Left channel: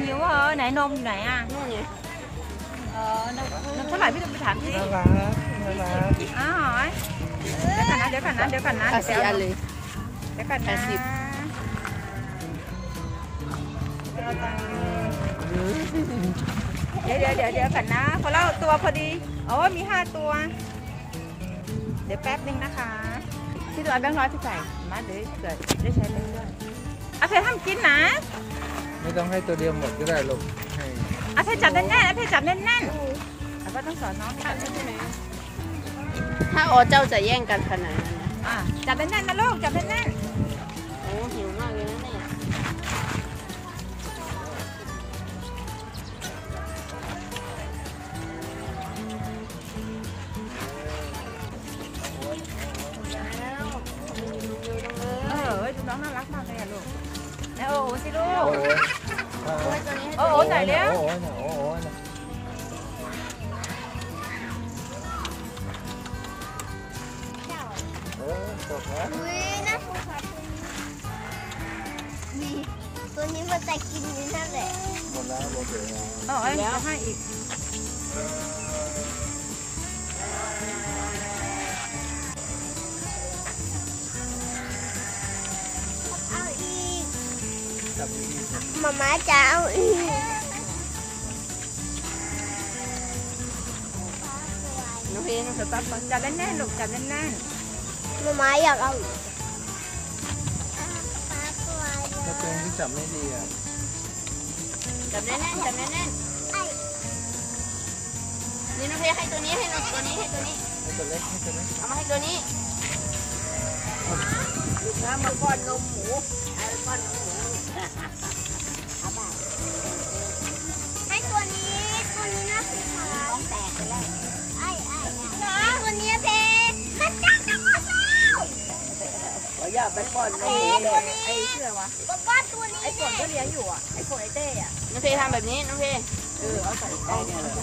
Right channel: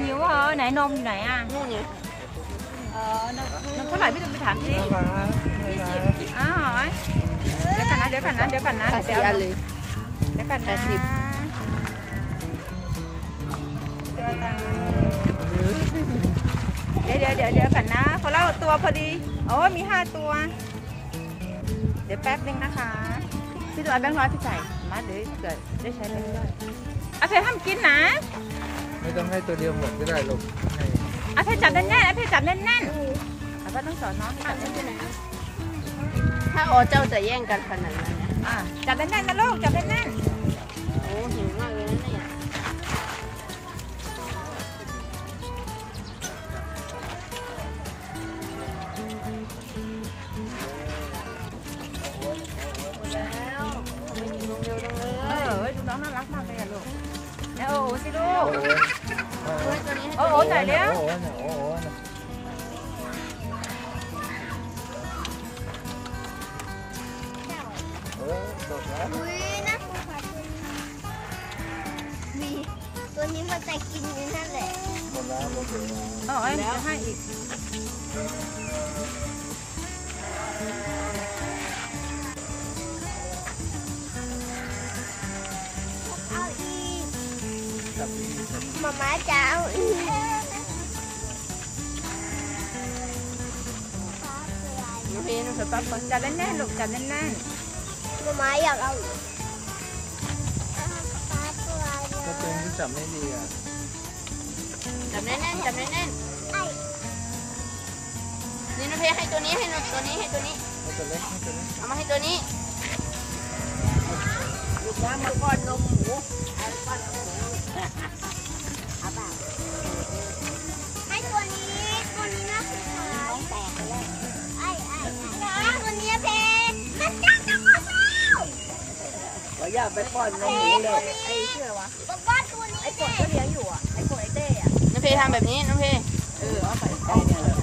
หิวเหรอไหนนมอยู่ไหนอะนู่นนี่เออนมนมเท่าไหร่พี่ต้องไปถามสิน่ารักน่ารักอ้าวเดี๋ยวกันนะเดี๋ยวกันนะเดี๋ยวกันนะเอาเดี๋ยวสี่เอาอันนมเลยเดี๋ยวกันนะแปดสิบเดี๋ยวเดี๋ยวเดี๋ยวเดี๋ยวกันนะคนละตัวพอดีโอ้มีห้าตัว เดี๋ยวแป๊บนึงนะคะพี่ตัวเอาแบงค์ร้อยพี่ใส่มาเดี๋ยวเกิดได้ใช้แบงค์ร้อยอาเพทำกินนะ ไม่ต้องให้ตัวเดียวหมดก็ได้ลูกให้อาเพจับแน่นๆอาเพจับแน่นๆอาเพต้องสอนน้องให้จับแน่นถ้าอ๋อเจ้าจะแย่งกันขนาดนั้นนะๆอะจับแน่นๆนะลูกจับแน่นโอ้หิวมากเลยนะเนี่ยๆเออเฮ้ยดูน้องน่ารักมากเลยอะลูก แล้วโอ้โหสิลูก โอ้โหโอ้โหจ่ายแล้วโอ้โหเนี่ยโอ้โหเนี่ยเออจบแล้วอุ้ยน่าสงสารมีตัวนี้มันจะกินนี่นั่นแหละหมดแล้วหมดแล้วเออเอ้ยจะให้อีก จับดีๆจับมาม่าจะเอาอีกน้องเพน้องเดี๋ยวปั๊บก่อนจับแน่นๆลูกจับแน่นมาม่าอยากเอาอีกถ้าตัวเองที่จับไม่ดีอะจับแน่นๆจับแน่นไอ้ๆนี่น้องเพให้ตัวนี้ให้น้องตัวนี้ให้ตัวนี้ให้ตัวเล็กให้ตัวเล็กเอามาให้ตัวนี้น้ำมาก้อนนมหมูเอาก้อน ไปป้อนนมเลยไอ้เชื่อวะบอกว่าตัวนี้ไอ้ปดก็เลี้ยงอยู่อะไอ้ปดไอ้เต้อะน้องเพทำแบบนี้น้องเพเออเอาใส่ใจเนี่ยเลย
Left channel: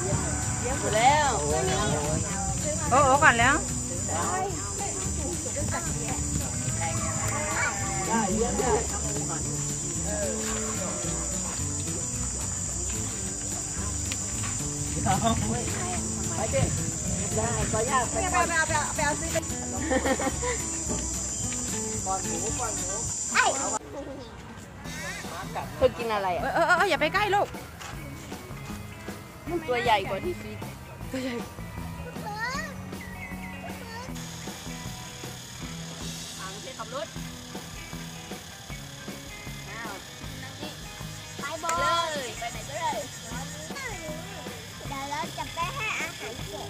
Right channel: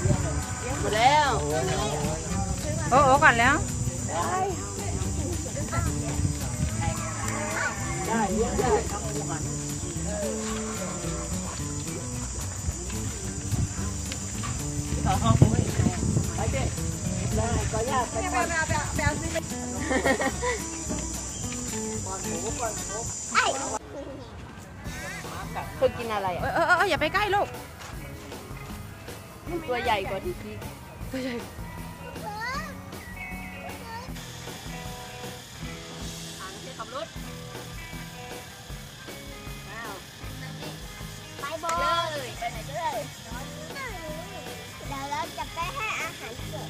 เลี้ยงเลยเลี้ยงอยู่แล้วโอ้โหเนี่ยโอ้เนี่ยๆโอ้โหก่อนแล้วได้เลี้ยงได้ไอ้ เธอกินอะไรเออะอเออเอออย่าไปใกล้ลูก ตัวใหญ่กว่าที่คิดตัวใหญ่ถังที่ขับรถอ้าวไปบอเลยลไปไหนก็ได้เดี๋ยวเราจะไปให้อาหารเกะ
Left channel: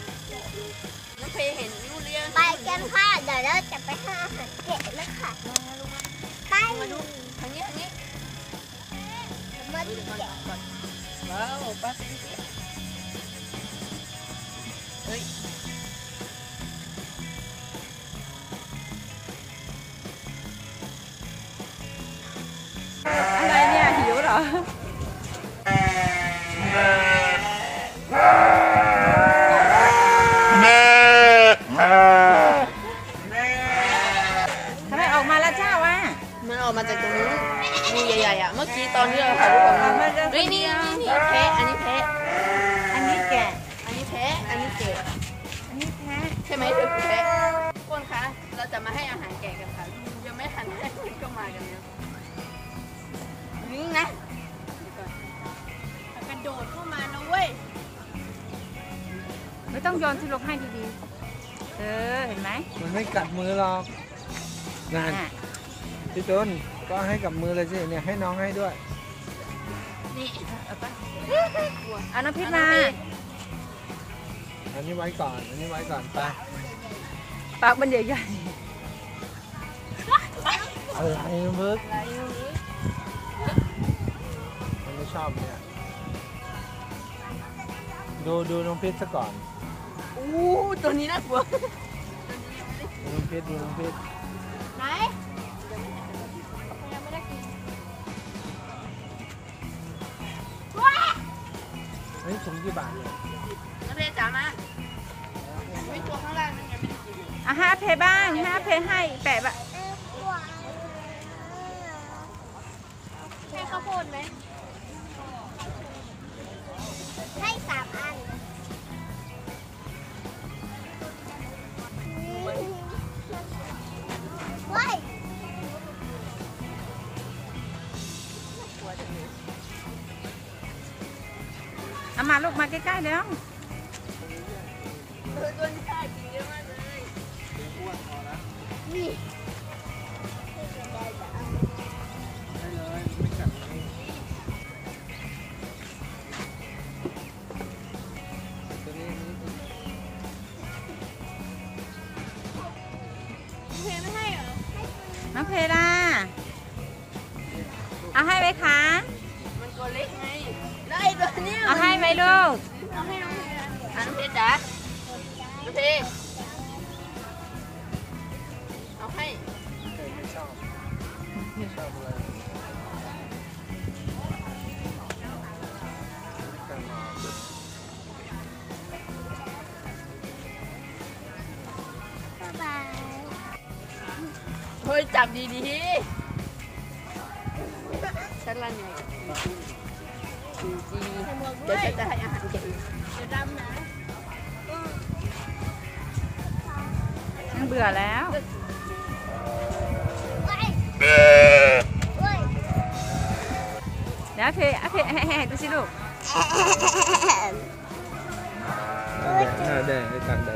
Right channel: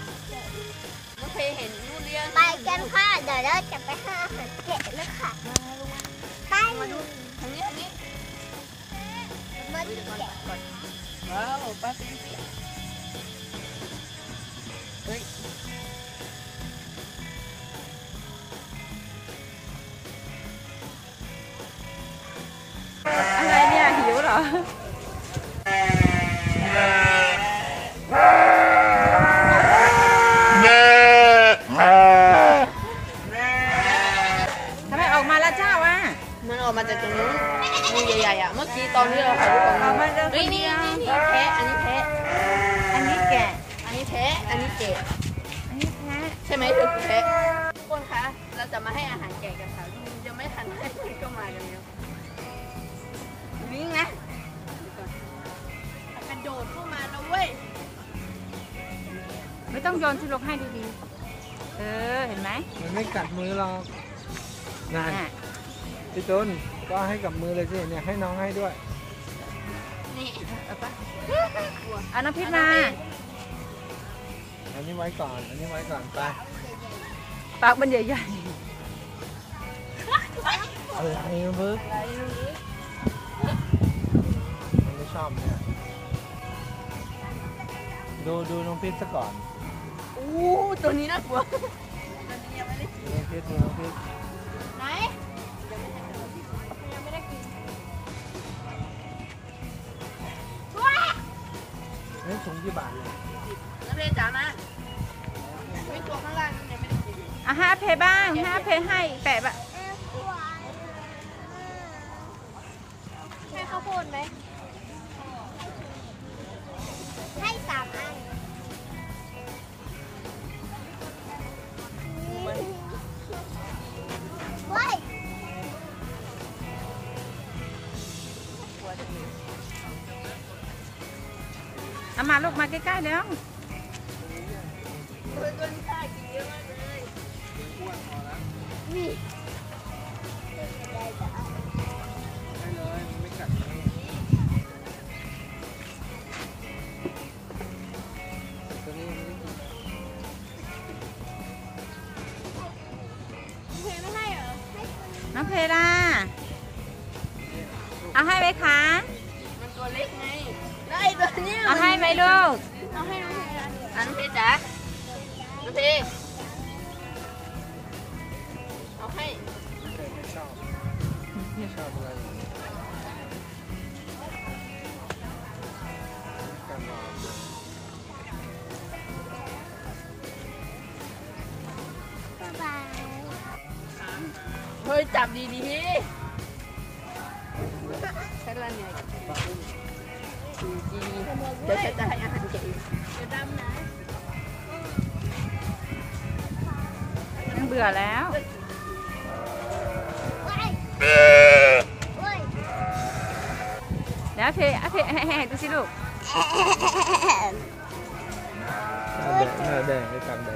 น้องเพเห็นนู่นเลี้ยงไปกันค่ะ เดี๋ยวเราจะไปให้อาหารเกะแล้วค่ะ ไปทางนี้ทางนี้เออกมาจากตรงนู้นงูใหญ่ๆอะ เมื่อกี้ตอนที่เราถ่ายรูปกับออกงูมาเรื่องคนี่นนี่เดียวนี่แพะอันนี้แพะอันนี้แกะ อันนี้แพะอันนี้เกะอันนี้แพะใช่ไหมเธอคือแพะทุกคนคะ เราจะมาให้อาหารแกะกันค่ะยังไม่ทันให้ก็มากันแล้วนี่นะกระโดดเข้ามานะเว้ย ไม่ต้องโยนที่ลูกให้ดีๆ เออ เห็นไหมมันไม่กัดมือหรอกเนี่ยอะ พี่ต้นก็ให้กับมือเลยสิเนี่ยให้น้องให้ด้วยนี่เออเอาปะเอาน้ำพริกมา อันนี้ไว้ก่อนอันนี้ไว้ก่อนไปปากมันใหญ่เออไอ้เบิร์ดมันไม่ชอบเนี่ยดูดูน้องพิษซะก่อนอู้ตัวนี้น่ากลัวดูน้องพิษดูน้องพิษไหน ฮ้ยถุงกี่บาทเนี่ยน้ำเพจ๋ามาไม่ตัวข้างล่างนั่นยังไม่ได้กินๆอะให้อาเพบ้างให้อาเพให้แปะบะใช่ข้าวโพดไหม เอามาลูกมาใกล้ๆแล้วเฮ้ยตัวนี้น่ากินเยอะมากเลยเดี๋ยวอ้วนพอแล้วนี่ได้จะเอาเอาได้เลยมันไม่กัดเลยแต่ตัวนี้ยังไม่ได้กินเลยเพไม่ให้เหรอน้องเพล่าเอาให้ไหมคะมันตัวเล็ก เอาให้ไหมลูกเอาให้น้องเพอะน้องเพจ๋าน้องเพเอาให้เด็กไม่ชอบไม่ชอบอะไรการนอนบ๊ายบายเฮ้ยจับดีๆฉันละไงจริงๆ เดี๋ยวฉันจะให้อาหารแกเองจะดำนะยังเบื่อแล้วเฮ้ยแล้วเทเอาเทให้ให้ดูสิลูกหน้าแดงหน้าแดงให้กันแดด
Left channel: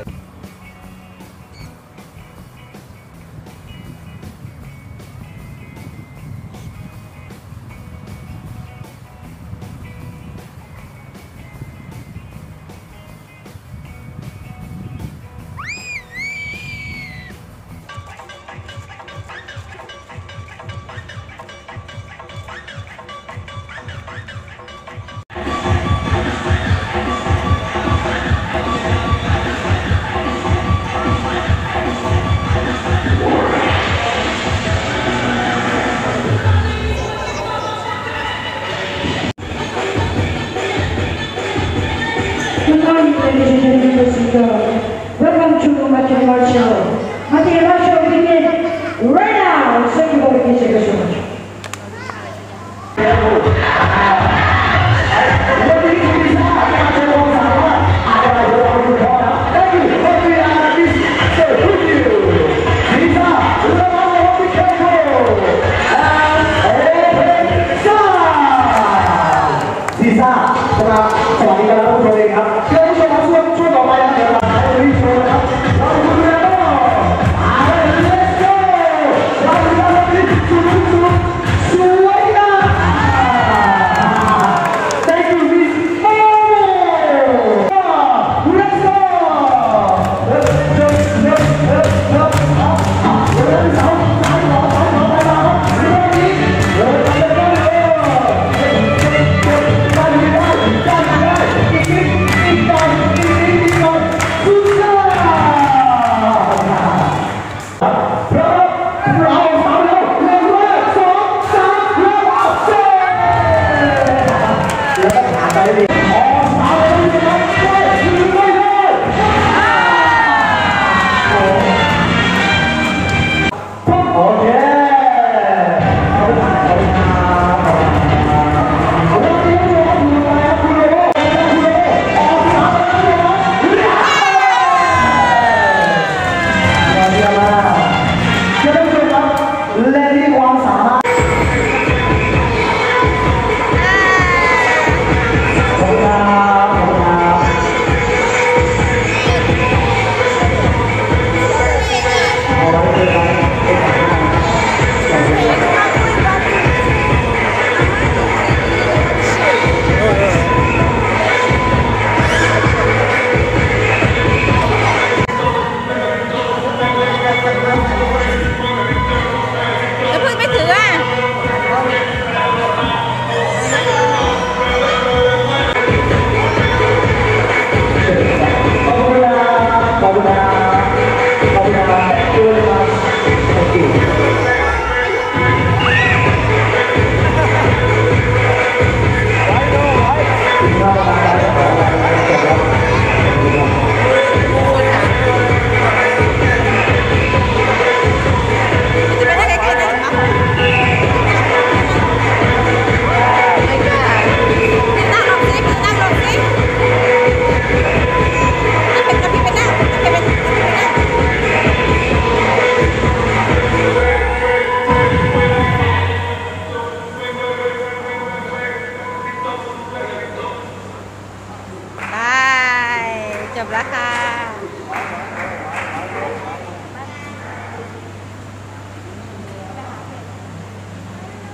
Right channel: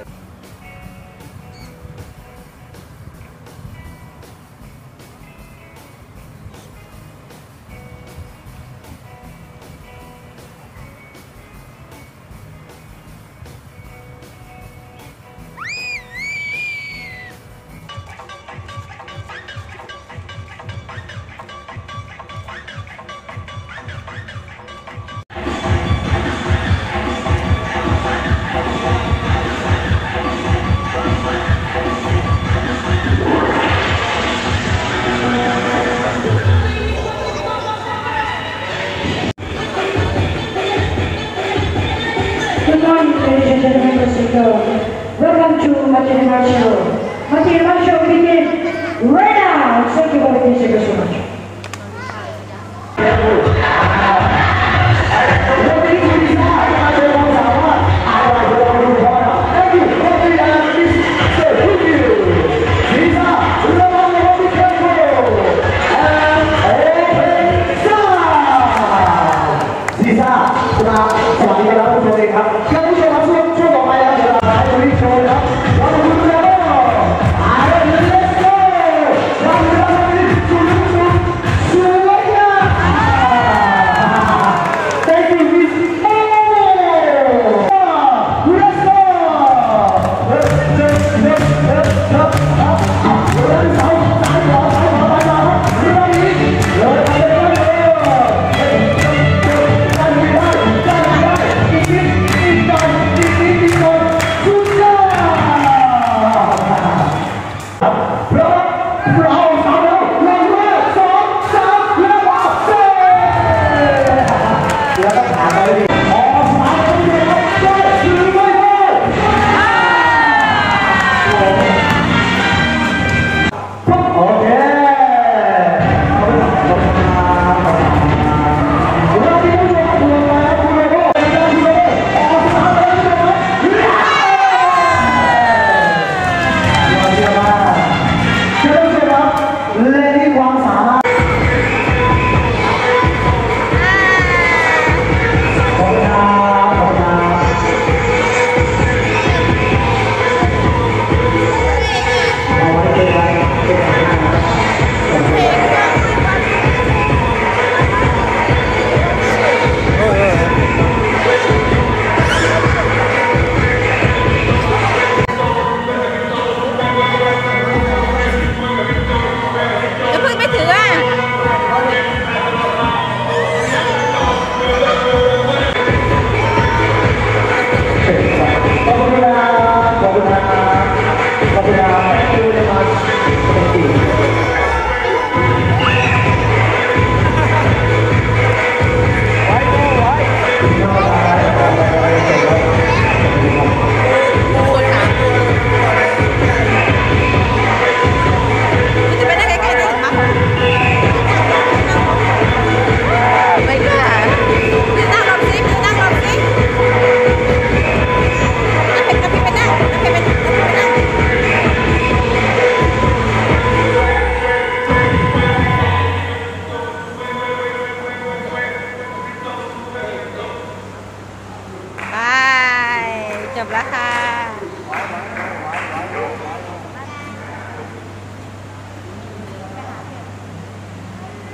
แล้วค่ะ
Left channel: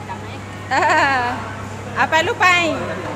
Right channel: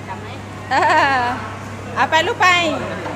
จำไหมเออเอาไปลูกไปขอบคุณค่ะ